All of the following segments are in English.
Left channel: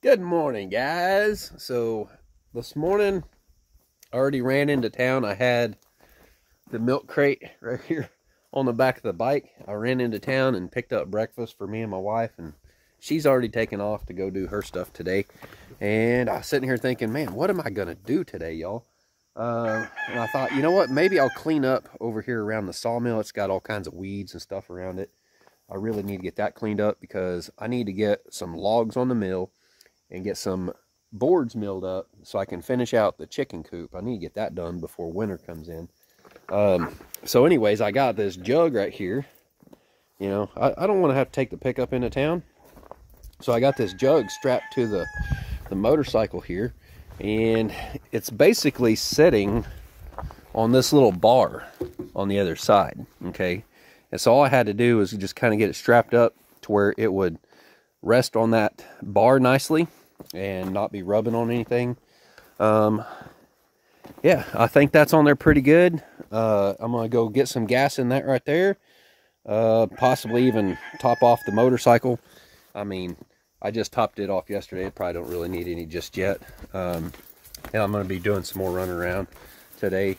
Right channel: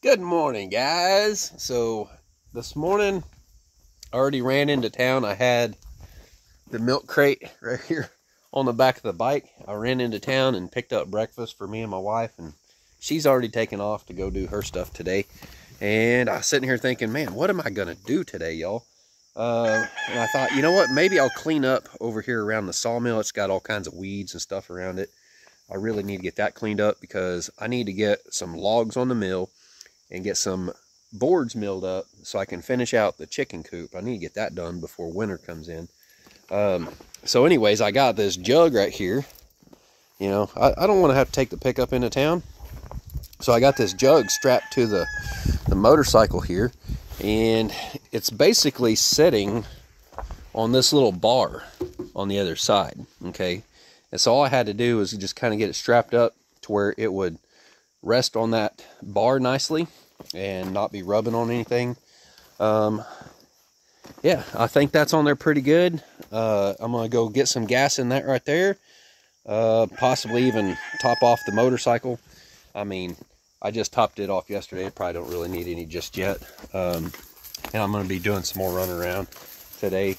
Good morning, guys. So this morning I already ran into town. I had the milk crate right here on the back of the bike. I ran into town and picked up breakfast for me and my wife, and she's already taken off to go do her stuff today. And I was sitting here thinking, man, what am I gonna do today, y'all? And I thought, you know what, maybe I'll clean up over here around the sawmill. It's got all kinds of weeds and stuff around it. I really need to get that cleaned up because I need to get some logs on the mill and get some boards milled up so I can finish out the chicken coop. I need to get that done before winter comes in. So anyways, I got this jug right here. You know, I don't want to have to take the pickup into town. So I got this jug strapped to the motorcycle here, and it's basically sitting on this little bar on the other side, okay? And so all I had to do was just kind of get it strapped up to where it would rest on that bar nicely and not be rubbing on anything. Yeah, I think that's on there pretty good. I'm gonna go get some gas in that right there, possibly even top off the motorcycle. I mean, I just topped it off yesterday. I probably don't really need any just yet. And I'm gonna be doing some more running around today.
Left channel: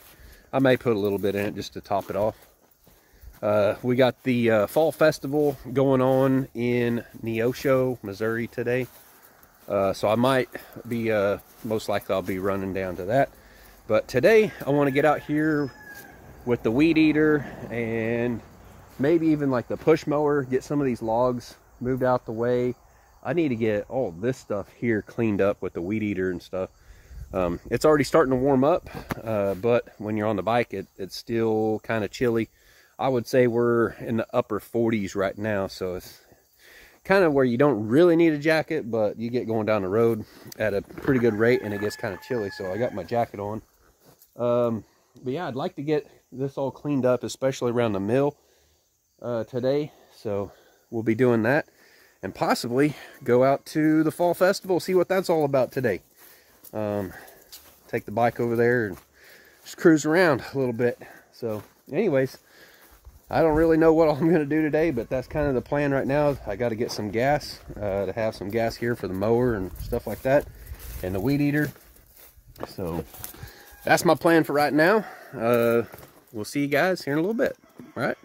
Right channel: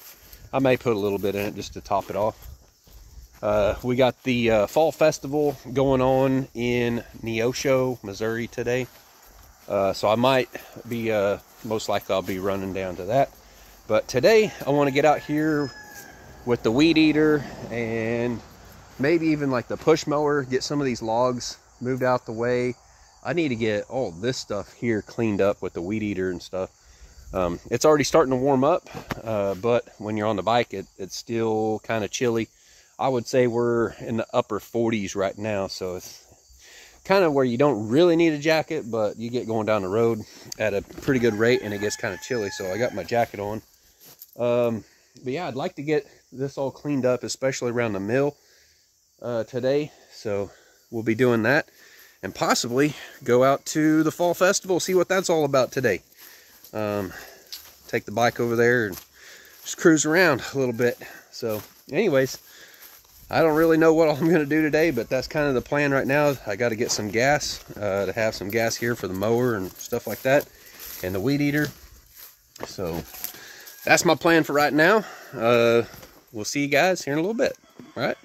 I may put a little bit in it just to top it off. We got the fall festival going on in Neosho, Missouri today. So I might be, most likely I'll be running down to that. But today I want to get out here with the weed eater and maybe even like the push mower, get some of these logs moved out the way. I need to get all this stuff here cleaned up with the weed eater and stuff. It's already starting to warm up, but when you're on the bike, it's still kind of chilly. I would say we're in the upper 40s right now, so it's kind of where you don't really need a jacket, but you get going down the road at a pretty good rate and it gets kind of chilly, so I got my jacket on. But yeah, I'd like to get this all cleaned up, especially around the mill today, so we'll be doing that and possibly go out to the fall festival, see what that's all about today. Take the bike over there and just cruise around a little bit. So anyways, I don't really know what I'm going to do today, but that's kind of the plan right now. I got to get some gas, to have some gas here for the mower and stuff like that, and the weed eater. So that's my plan for right now. We'll see you guys here in a little bit. All right.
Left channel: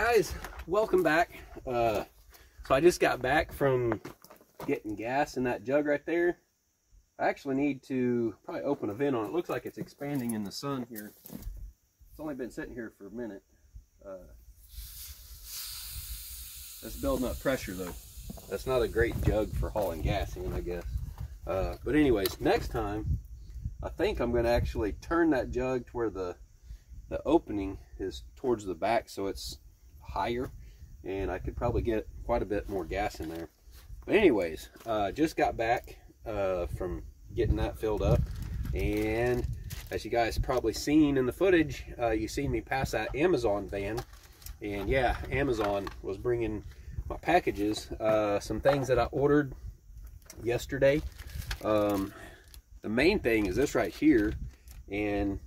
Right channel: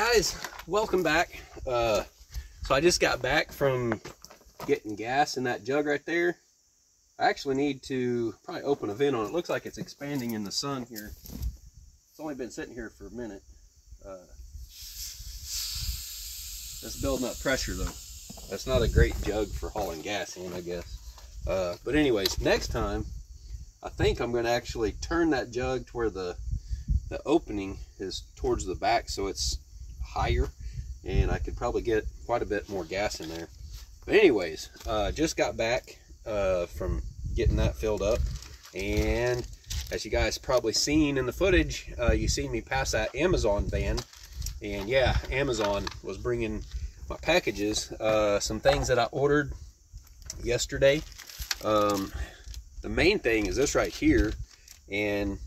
guys, welcome back. So I just got back from getting gas in that jug right there. I actually need to probably open a vent on it. It looks like it's expanding in the sun here. It's only been sitting here for a minute. That's building up pressure though. That's not a great jug for hauling gas in, I guess. But anyways, next time, I think I'm going to actually turn that jug to where the opening is towards the back, so it's higher, and I could probably get quite a bit more gas in there. But anyways, just got back from getting that filled up, and as you guys probably seen in the footage, you seen me pass that Amazon van, and yeah, Amazon was bringing my packages, some things that I ordered yesterday. The main thing is this right here and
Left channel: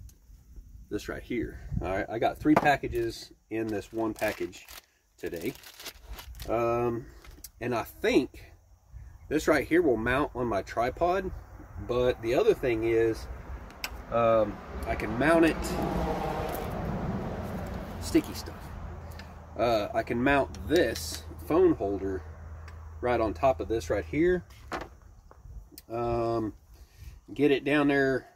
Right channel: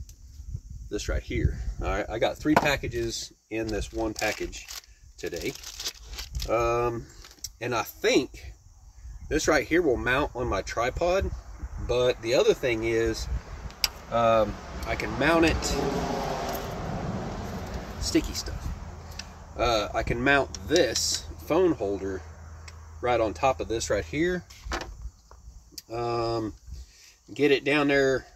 this right here. All right, I got 3 packages in this one package today, and I think this right here will mount on my tripod, but the other thing is I can mount it, sticky stuff. I can mount this phone holder right on top of this right here. Get it down there.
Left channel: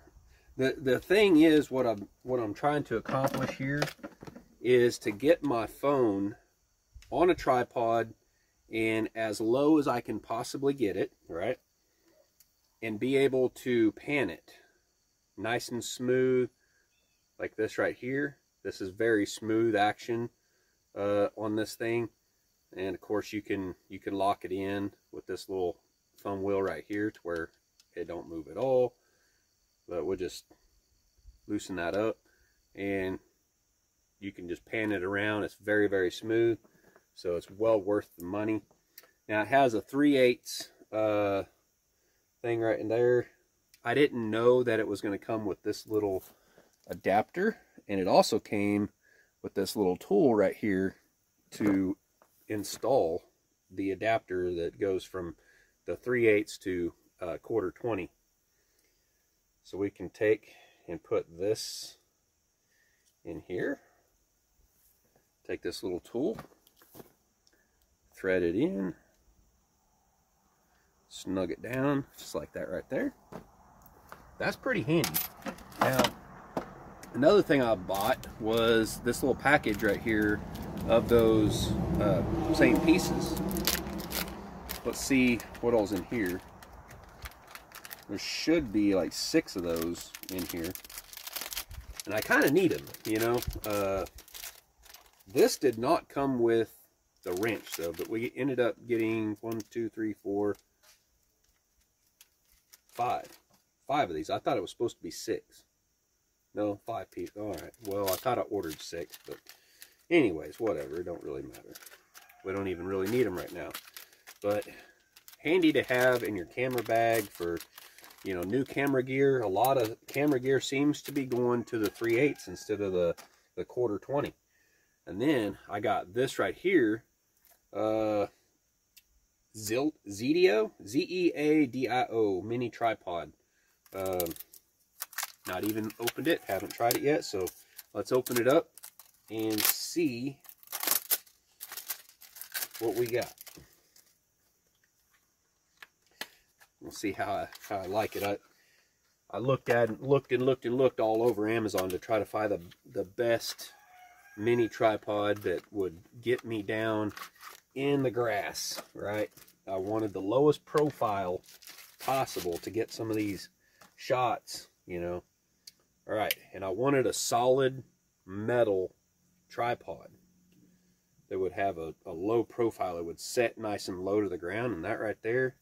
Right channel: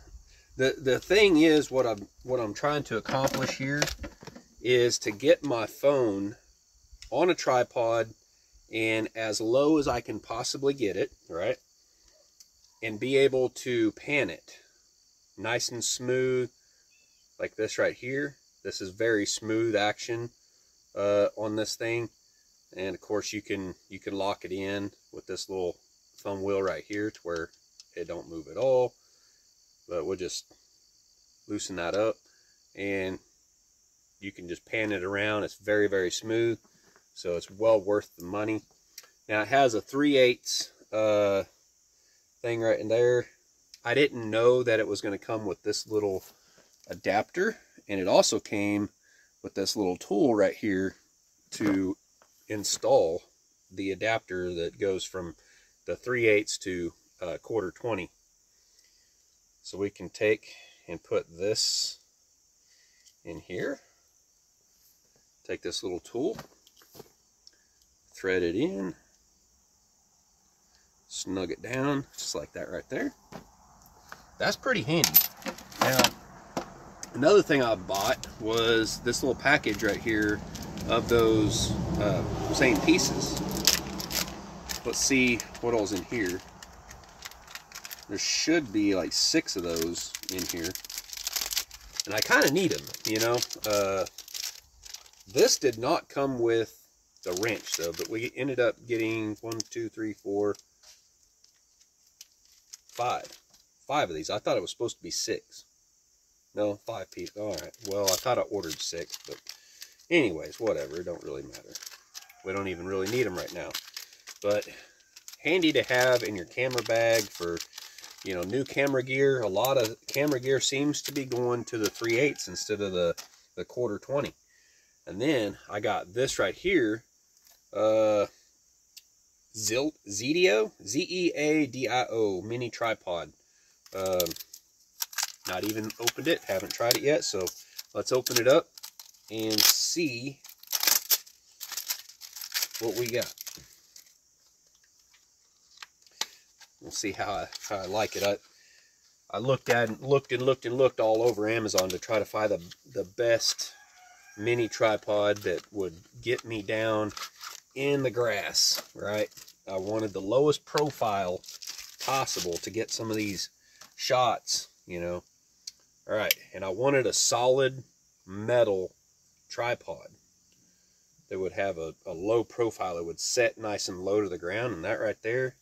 The thing is, what I'm trying to accomplish here is to get my phone on a tripod and as low as I can possibly get it, right? And be able to pan it nice and smooth, like this right here. This is very smooth action on this thing, and of course you can lock it in with this little thumb wheel right here to where it don't move at all. But we'll just loosen that up, and you can just pan it around. It's very, very smooth, so it's well worth the money. Now it has a 3/8 thing right in there. I didn't know that it was going to come with this little adapter, and it also came with this little tool right here to install the adapter that goes from the 3/8 to 1/4 20. So we can take and put this in here. Take this little tool, thread it in, snug it down, just like that right there. That's pretty handy. Now, another thing I bought was this little package right here of those same pieces. Let's see what all's in here. There should be like 6 of those in here, and I kind of need them, you know. This did not come with the wrench though, but we ended up getting 1, 2, 3, 4, 5 of these. I thought it was supposed to be 6. No, 5 pieces. All right. Well, I thought I ordered 6, but anyways, whatever. It don't really matter. We don't even really need them right now, but handy to have in your camera bag for, you know, new camera gear. A lot of camera gear seems to be going to the 3/8 instead of the 1/4 20. And then I got this right here, Zeedio, Z-E-A-D-I-O mini tripod. Not even opened it, haven't tried it yet, so let's open it up and see what we got. We'll see how I like it. I looked all over Amazon to try to find the best mini tripod that would get me down in the grass, right? I wanted the lowest profile possible to get some of these shots, you know. All right, and I wanted a solid metal tripod that would have a low profile. It would set nice and low to the ground, and that right there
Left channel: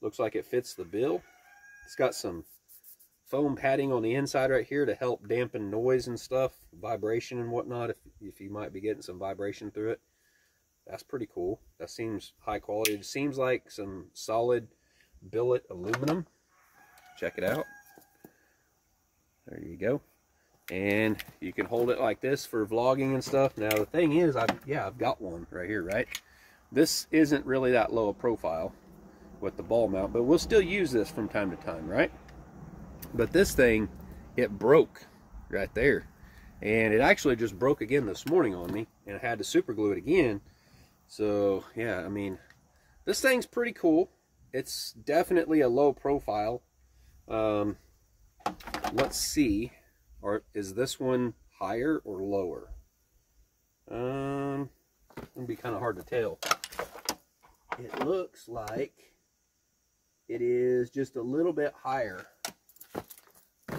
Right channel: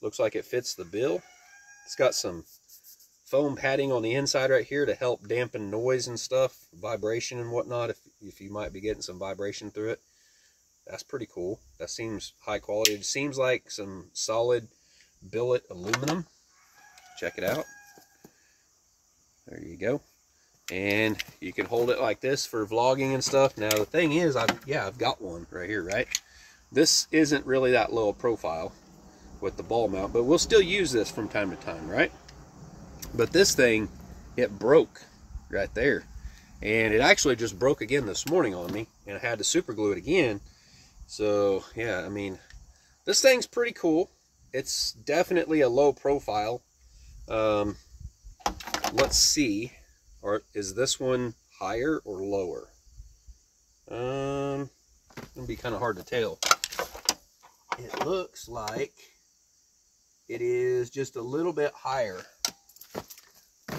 looks like it fits the bill. It's got some foam padding on the inside right here to help dampen noise and stuff, vibration and whatnot, if you might be getting some vibration through it. That's pretty cool. That seems high quality. It seems like some solid billet aluminum. Check it out. There you go. And you can hold it like this for vlogging and stuff. Now the thing is, I've got one right here, right? This isn't really that low a profile with the ball mount, but we'll still use this from time to time, right? But this thing, it broke right there. And it actually just broke again this morning on me, and I had to super glue it again. So yeah, I mean, this thing's pretty cool. It's definitely a low profile. Let's see, or is this one higher or lower? It'll be kind of hard to tell. It looks like it is just a little bit higher.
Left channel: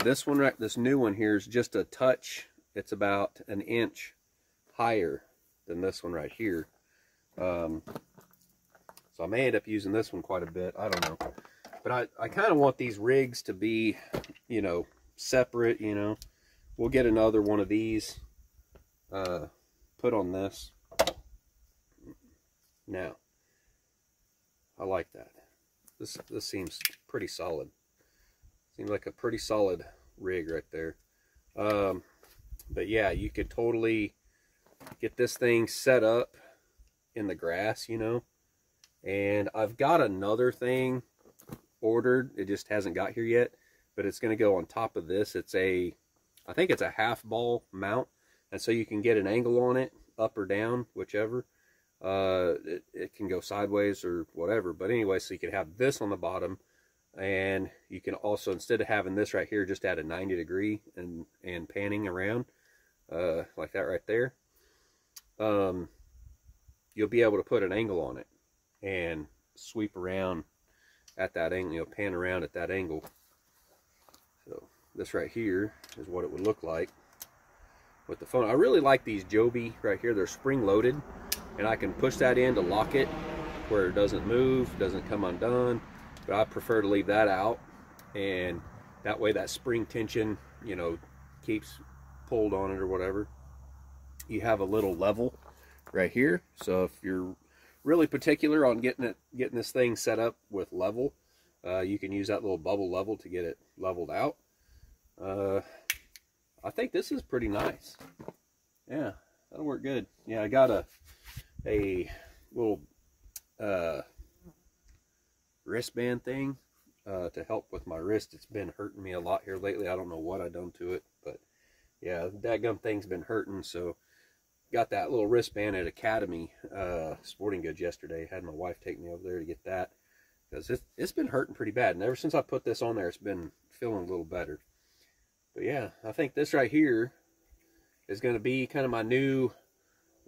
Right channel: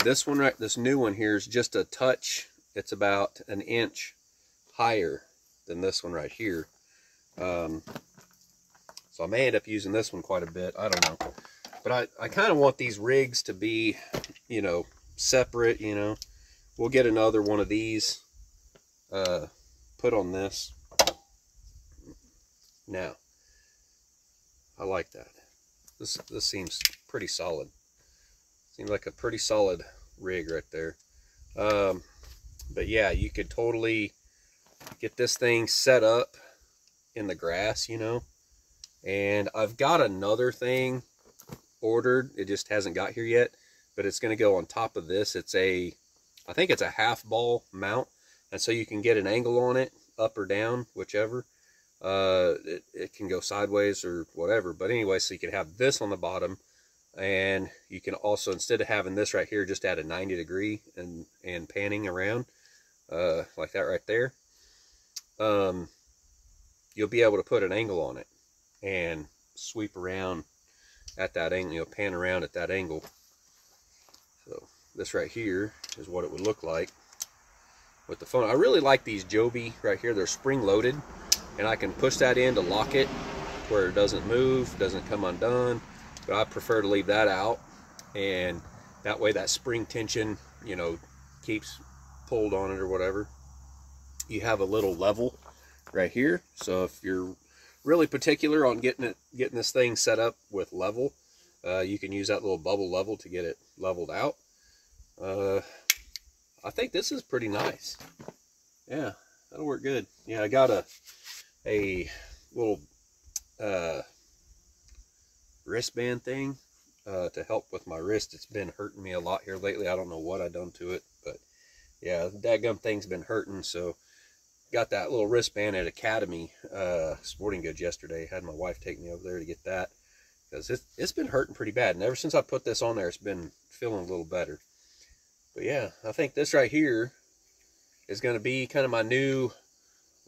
This one, this new one here is just a touch. It's about an inch higher than this one right here. So I may end up using this one quite a bit. I don't know. But I kind of want these rigs to be, you know, separate, you know. We'll get another one of these put on this. Now, I like that. This seems pretty solid. Seems like a pretty solid rig right there. But yeah, you could totally get this thing set up in the grass, you know. And I've got another thing ordered. It just hasn't got here yet, but it's going to go on top of this. It's a, I think it's a half ball mount, and so you can get an angle on it, up or down, whichever. It can go sideways or whatever, but anyway, so you can have this on the bottom, and you can also, instead of having this right here, just add a 90-degree and panning around like that right there. You'll be able to put an angle on it and sweep around at that angle, you know, pan around at that angle. So this right here is what it would look like with the phone. I really like these Joby right here. They're spring loaded, and I can push that in to lock it where it doesn't move, doesn't come undone. But I prefer to leave that out, and that way that spring tension, you know, keeps pulled on it or whatever. You have a little level right here, so if you're really particular on getting this thing set up with level, you can use that little bubble level to get it leveled out. I think this is pretty nice. Yeah, that'll work good. Yeah, I got a little wristband thing to help with my wrist. It's been hurting me a lot here lately. I don't know what I done to it, but yeah, the dadgum thing's been hurting. So got that little wristband at Academy Sporting Goods yesterday. Had my wife take me over there to get that, because it's been hurting pretty bad, and ever since I put this on there, it's been feeling a little better. But yeah, I think this right here is going to be kind of my new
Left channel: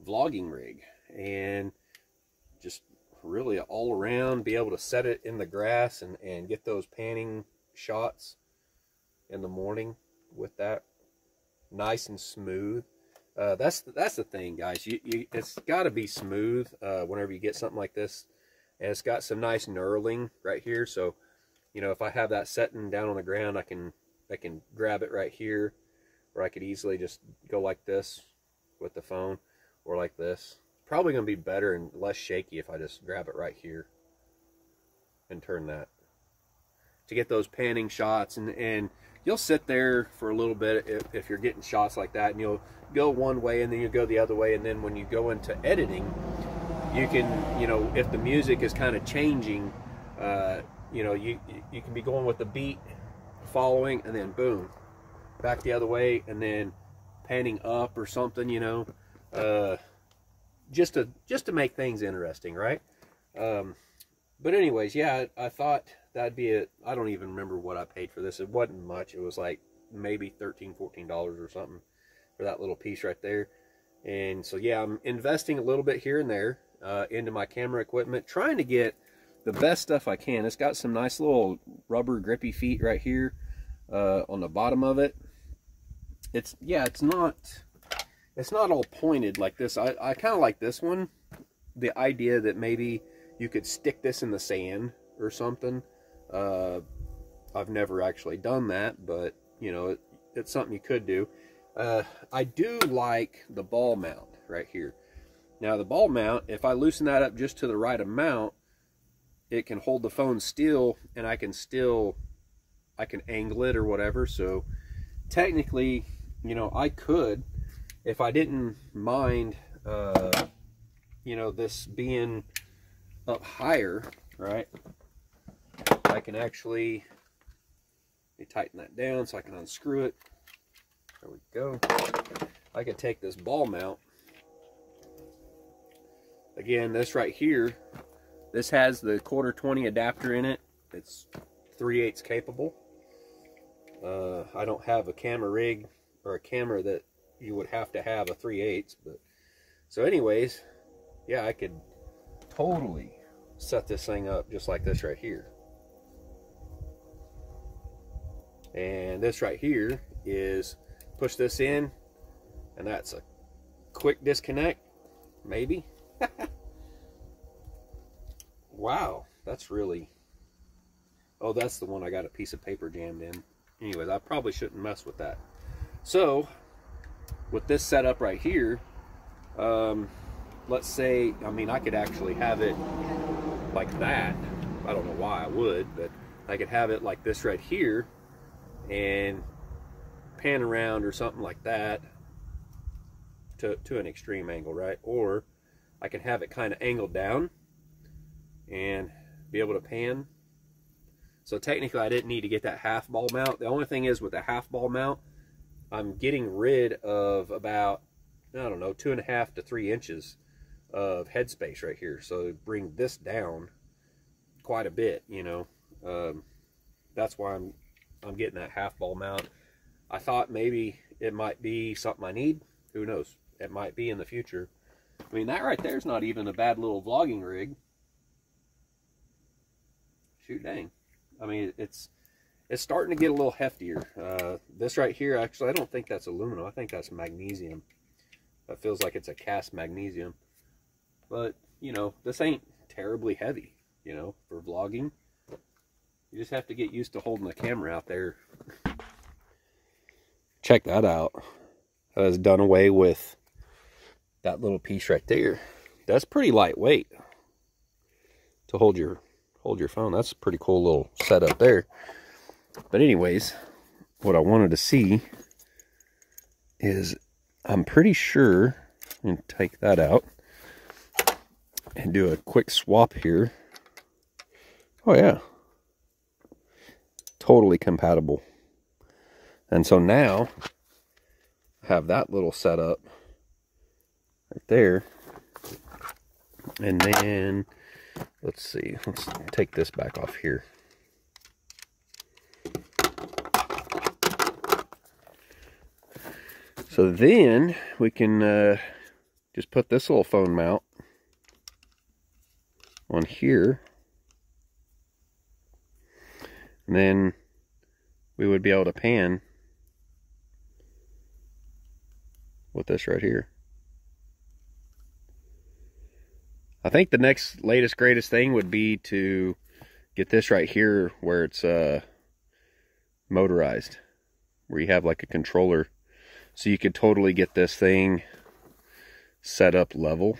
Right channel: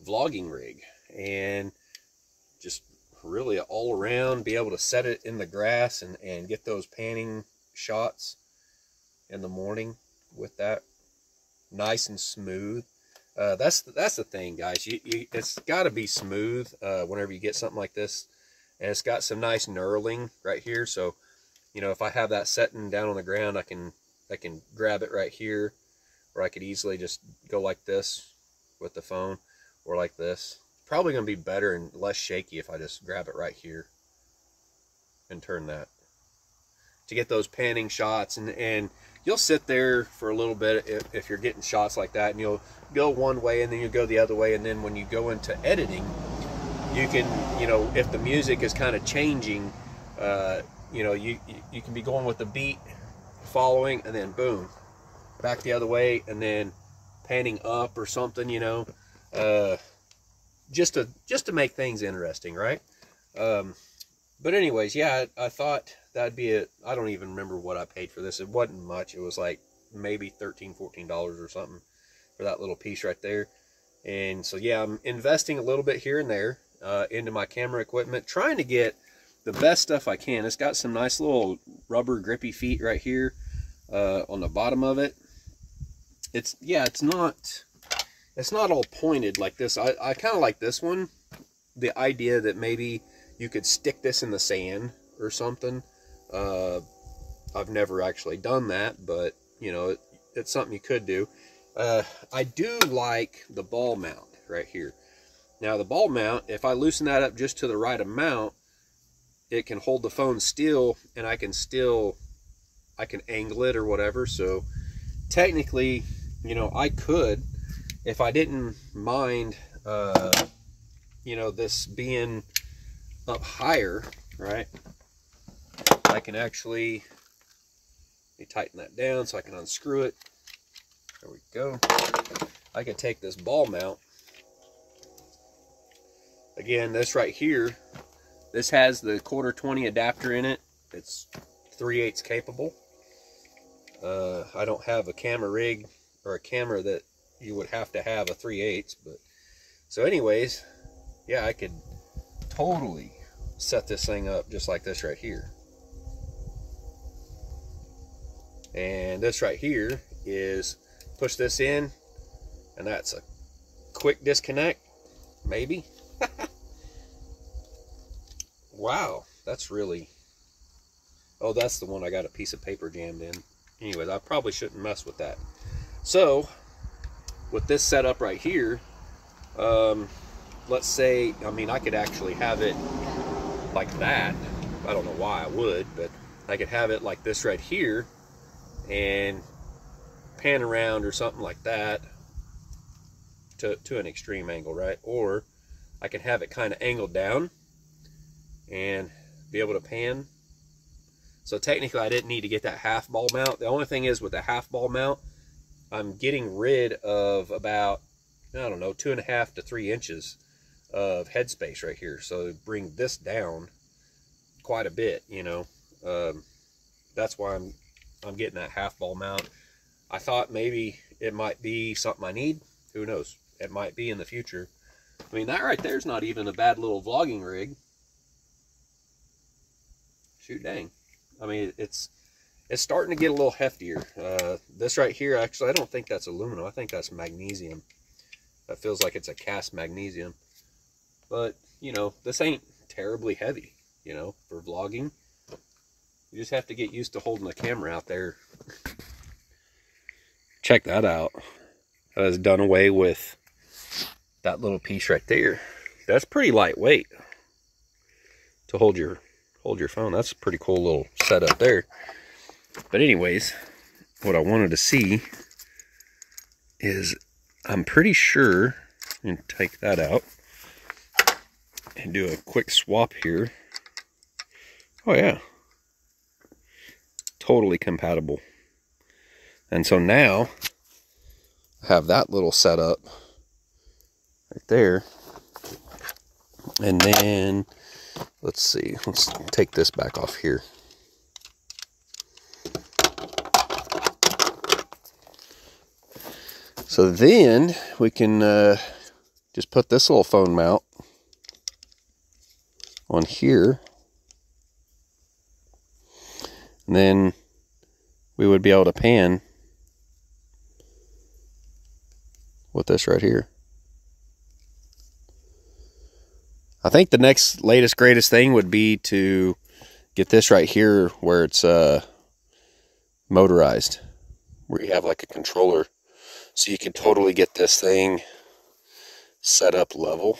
vlogging rig, and just really all around be able to set it in the grass and get those panning shots in the morning with that nice and smooth. That's the thing, guys. It's got to be smooth whenever you get something like this, and it's got some nice knurling right here. So, you know, if I have that setting down on the ground, I can grab it right here, or I could easily just go like this with the phone, or like this. Probably going to be better and less shaky if I just grab it right here and turn that to get those panning shots. And you'll sit there for a little bit if you're getting shots like that, and you'll go one way and then you go the other way, and then when you go into editing, you can, you know, if the music is kind of changing, you know, you can be going with the beat following, and then boom, back the other way, and then panning up or something, you know, just to make things interesting, right? But anyways, yeah, I thought that'd be it. I don't even remember what I paid for this. It wasn't much. It was like maybe $13, $14 or something for that little piece right there. And so yeah, I'm investing a little bit here and there into my camera equipment, trying to get the best stuff I can. It's got some nice little rubber grippy feet right here on the bottom of it. It's not all pointed like this. I kind of like this one. The idea that maybe you could stick this in the sand or something. I've never actually done that, but you know, it's something you could do. I do like the ball mount right here. Now the ball mount, if I loosen that up just to the right amount, it can hold the phone still, and I can angle it or whatever. So technically, you know, I could, if I didn't mind, you know, this being up higher, right? I can actually tighten that down so I can unscrew it There we go. I could take this ball mount. Again, this right here, this has the 1/4-20 adapter in it. It's 3/8 capable. I don't have a camera rig or a camera that you would have to have a 3/8, but so anyways, yeah, I could totally set this thing up just like this right here. And this right here is push this in, and that's a quick disconnect, maybe. Wow, that's really, oh, that's the one I got a piece of paper jammed in. Anyways, I probably shouldn't mess with that. So with this setup right here, let's say, I mean, I could actually have it like that. I don't know why I would, but I could have it like this right here and pan around or something like that to an extreme angle, right? Or I can have it kind of angled down and be able to pan. So technically I didn't need to get that half ball mount. The only thing is, with the half ball mount, I'm getting rid of about, I don't know, 2.5 to 3 inches of headspace right here. So bring this down quite a bit, you know. That's why I'm getting that half ball mount. I thought maybe it might be something I need. Who knows? It might be in the future. I mean, that right there is not even a bad little vlogging rig. Shoot, dang. I mean, it's starting to get a little heftier. This right here, actually, I don't think that's aluminum. I think that's magnesium. That feels like it's a cast magnesium. But, you know, this ain't terribly heavy, you know, for vlogging. You just have to get used to holding the camera out there. Check that out. That has done away with that little piece right there. That's pretty lightweight to hold your phone. That's a pretty cool little setup there. But anyways, what I wanted to see is, I'm pretty sure, and take that out and do a quick swap here. Oh yeah, totally compatible. And so now I have that little setup right there. And then let's see, let's take this back off here. So then we can just put this little phone mount on here. And then we would be able to pan with this right here. I think the next latest greatest thing would be to get this right here where it's motorized, where you have like a controller, so you can totally get this thing set up level.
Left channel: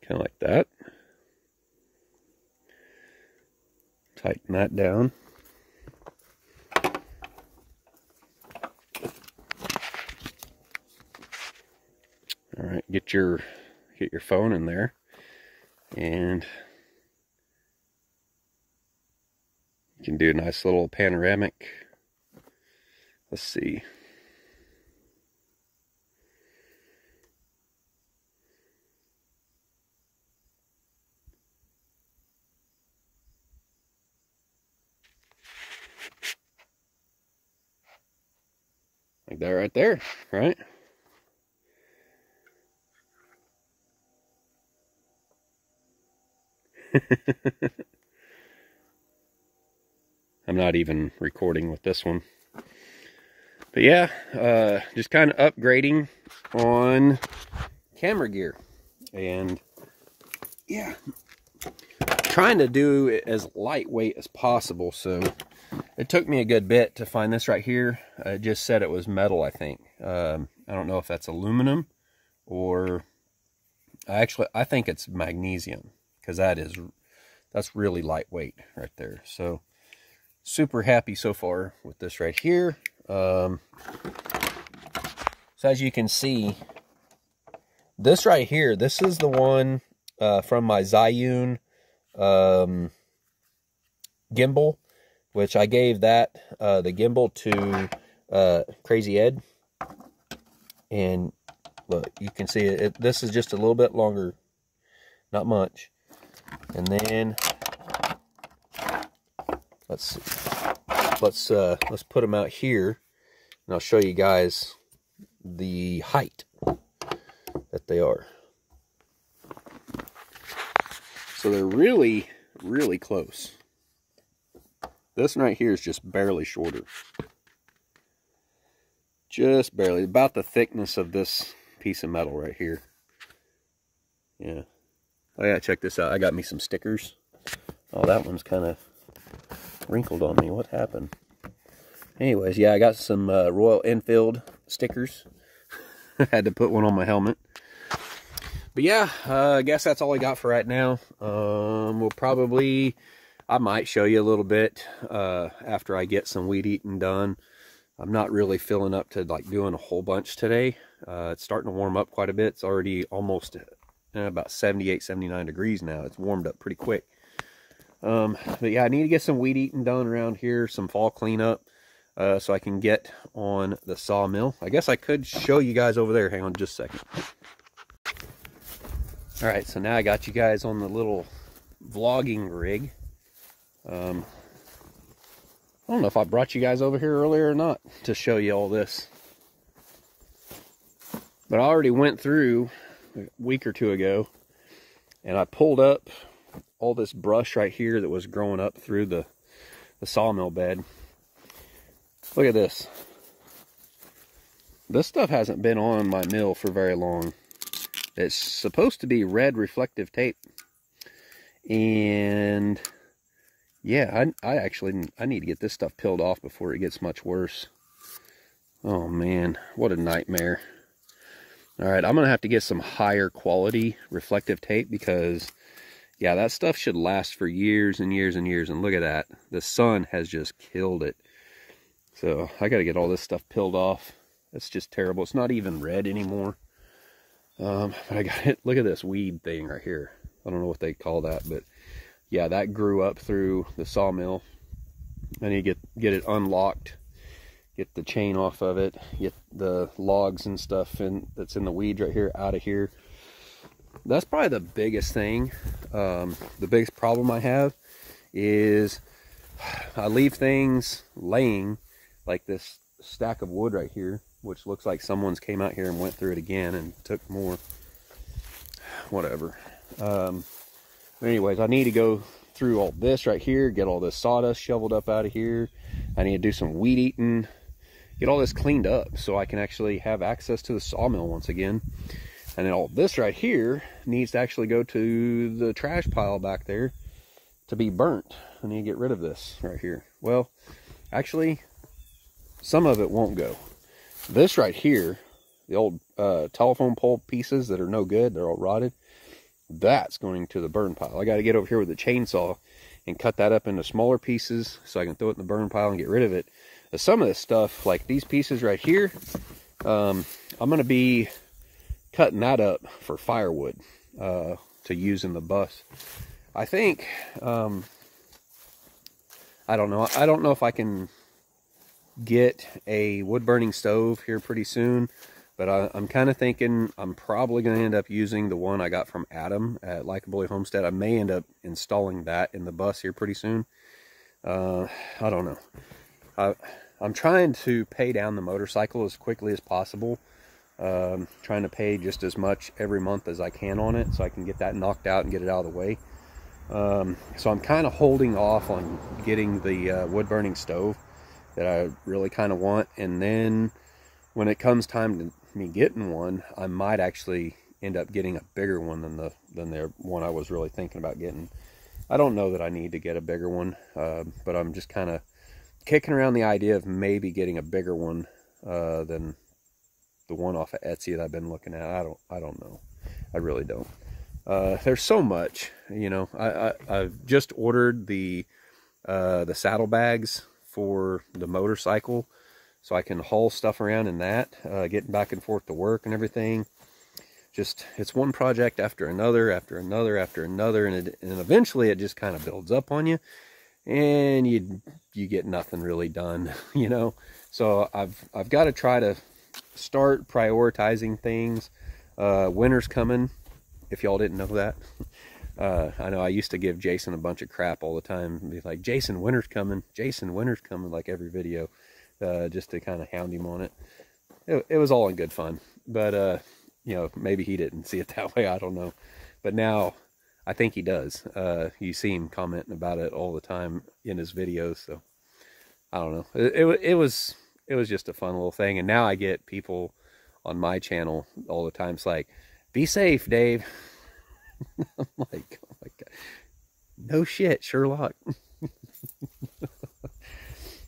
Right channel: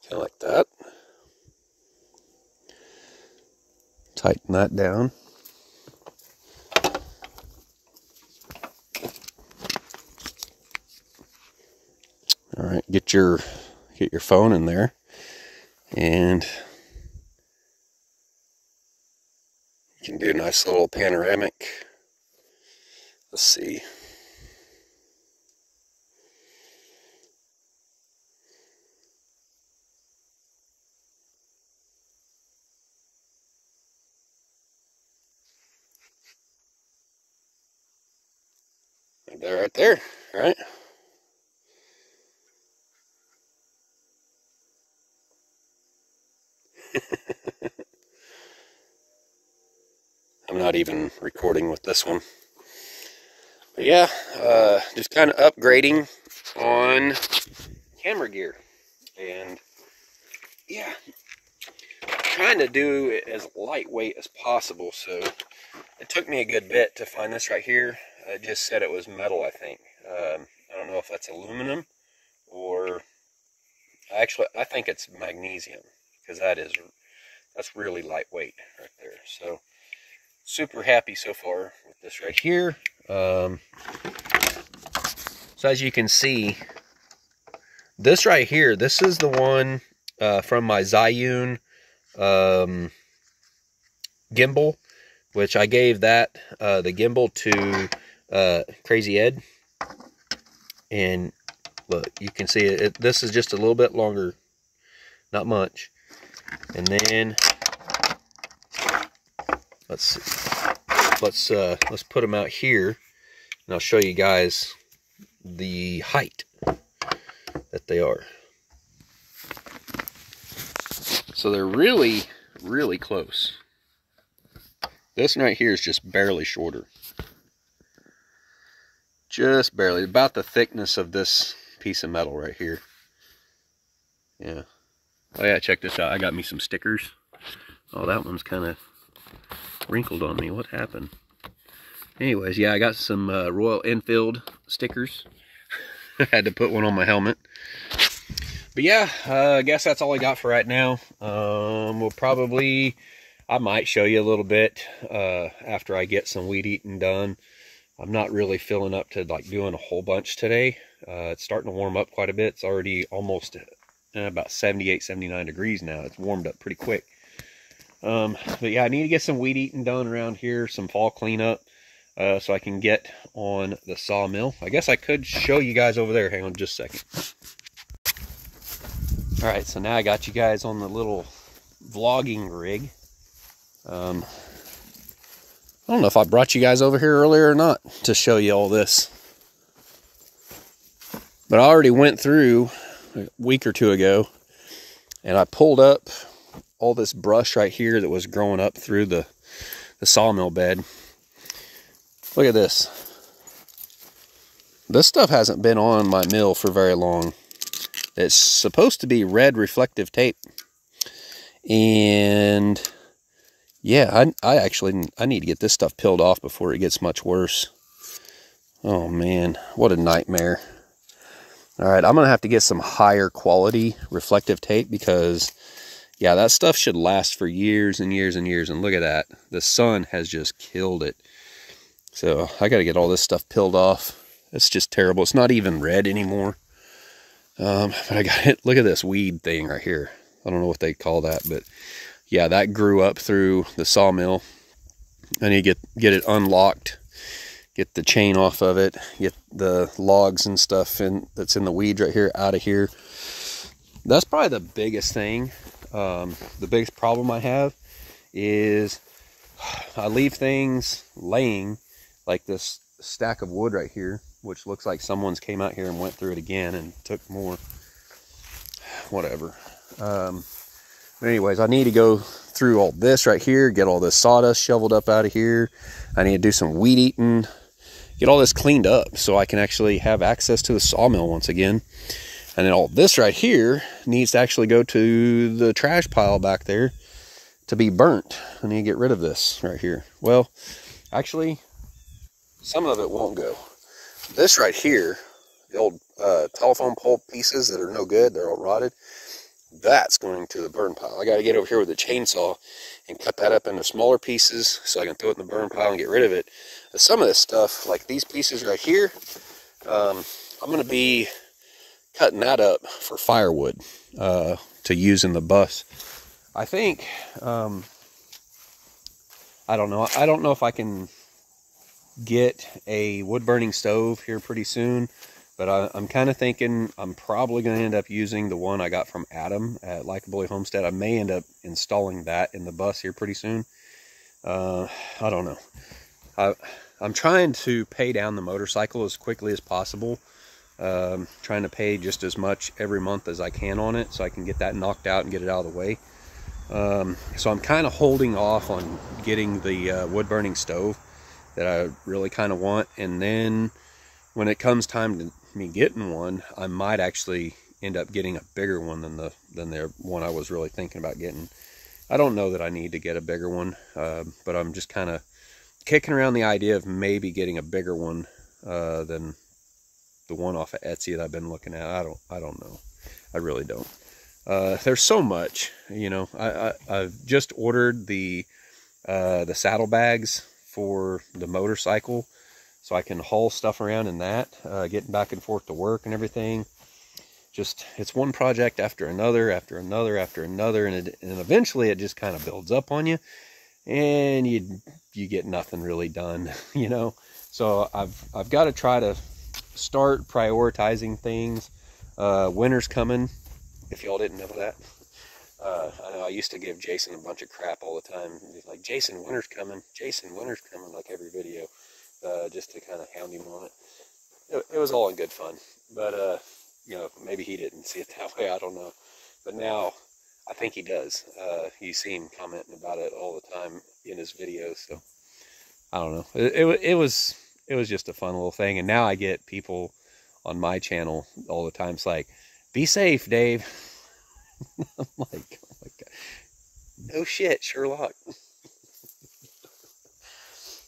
Kind of like that. Tighten that down. All right, get your phone in there, and you can do a nice little panoramic. Let's see. Like that right there, right? I'm not even recording with this one. But yeah, just kind of upgrading on camera gear. And yeah, trying to do it as lightweight as possible. So it took me a good bit to find this right here. It just said it was metal, I think. I don't know if that's aluminum or... I think it's magnesium, because that's really lightweight right there. So super happy so far with this right here. So as you can see, this right here, this is the one from my Zhiyun gimbal, which I gave that the gimbal to Crazy Ed, and look, you can see it. This is just a little bit longer, not much. And then let's see. Let's put them out here, and I'll show you guys the height that they are. So they're really, really close. This one right here is just barely shorter. Just barely. About the thickness of this piece of metal right here. Yeah. Oh yeah, check this out. I got me some stickers. Oh, that one's kind of wrinkled on me. What happened? Anyways, yeah, I got some Royal Enfield stickers. I had to put one on my helmet. But yeah, I guess that's all I got for right now. I might show you a little bit after I get some weed eating done. I'm not really feeling up to like doing a whole bunch today. It's starting to warm up quite a bit. It's already almost about 78, 79 degrees now. It's warmed up pretty quick. But yeah, I need to get some weed eating done around here, some fall cleanup, so I can get on the sawmill. I guess I could show you guys over there. Hang on just a second. All right, so now I got you guys on the little vlogging rig. I don't know if I brought you guys over here earlier or not to show you all this. But I already went through a week or two ago, and I pulled up all this brush right here that was growing up through the sawmill bed. Look at this. This stuff hasn't been on my mill for very long. It's supposed to be red reflective tape. And yeah, I need to get this stuff peeled off before it gets much worse. Oh man, what a nightmare. All right, I'm gonna have to get some higher quality reflective tape, because yeah, that stuff should last for years and years and years. And look at that, the sun has just killed it. So I got to get all this stuff peeled off. It's just terrible. It's not even red anymore. But I got it. Look at this weed thing right here. I don't know what they call that, but yeah, that grew up through the sawmill. I need to get it unlocked, get the chain off of it, get the logs and stuff that's in the weeds right here out of here. That's probably the biggest thing. The biggest problem I have is I leave things laying, like this stack of wood right here, which looks like someone's came out here and went through it again and took more. Whatever. Anyways, I need to go through all this right here, get all this sawdust shoveled up out of here. I need to do some weed eating, get all this cleaned up so I can actually have access to the sawmill once again. And then all this right here needs to actually go to the trash pile back there to be burnt. I need to get rid of this right here. Well, actually, some of it won't go. This right here, the old telephone pole pieces that are no good, they're all rotted, that's going to the burn pile. I got to get over here with a chainsaw and cut that up into smaller pieces so I can throw it in the burn pile and get rid of it. But some of this stuff, like these pieces right here, I'm going to be cutting that up for firewood to use in the bus. I think, I don't know. I don't know if I can get a wood burning stove here pretty soon, but I'm kind of thinking I'm probably going to end up using the one I got from Adam at Likeably Homestead. I may end up installing that in the bus here pretty soon. I don't know. I'm trying to pay down the motorcycle as quickly as possible. Trying to pay just as much every month as I can on it so I can get that knocked out and get it out of the way. So I'm kind of holding off on getting the wood burning stove that I really kind of want, and then when it comes time to me getting one, I might actually end up getting a bigger one than the one I was really thinking about getting. I don't know that I need to get a bigger one, but I'm just kind of kicking around the idea of maybe getting a bigger one than the one off of Etsy that I've been looking at. I don't know. I really don't. There's so much, you know. I've just ordered the saddlebags for the motorcycle so I can haul stuff around in that, getting back and forth to work and everything. it's one project after another, after another, after another, and eventually it just kind of builds up on you, and you get nothing really done, you know. So I've got to try to start prioritizing things. Winter's coming, if y'all didn't know that. I know I used to give Jason a bunch of crap all the time. Be like, Jason, winter's coming. Jason, winter's coming, like every video, just to kind of hound him on it. It was all in good fun, but you know, maybe he didn't see it that way. I don't know. But now I think he does. You see him commenting about it all the time in his videos. So I don't know. It was just a fun little thing. And now I get people on my channel all the time. It's like, be safe, Dave. I'm like, oh my God. No shit, Sherlock.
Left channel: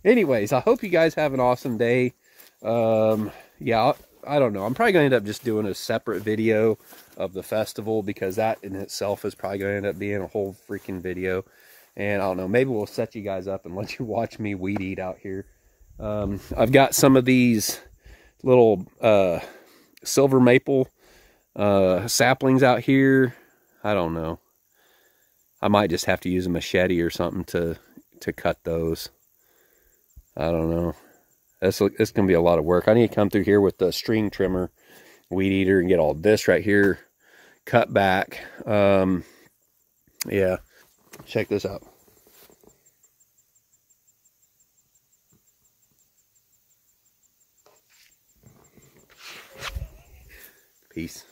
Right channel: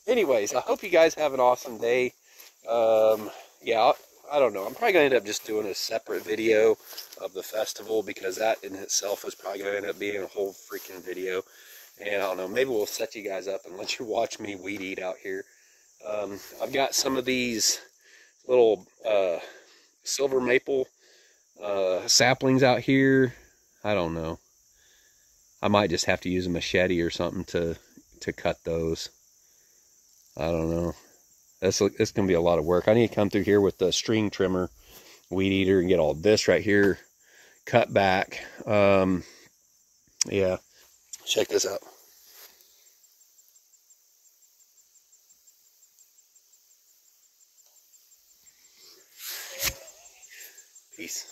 Anyways, I hope you guys have an awesome day. Yeah, I don't know. I'm probably going to end up just doing a separate video of the festival, because that in itself is probably going to end up being a whole freaking video. And I don't know, maybe we'll set you guys up and let you watch me weed eat out here. I've got some of these little silver maple saplings out here. I don't know. I might just have to use a machete or something to cut those. I don't know. It's going to be a lot of work. I need to come through here with the string trimmer, weed eater, and get all this right here cut back. Yeah, check this out. Peace.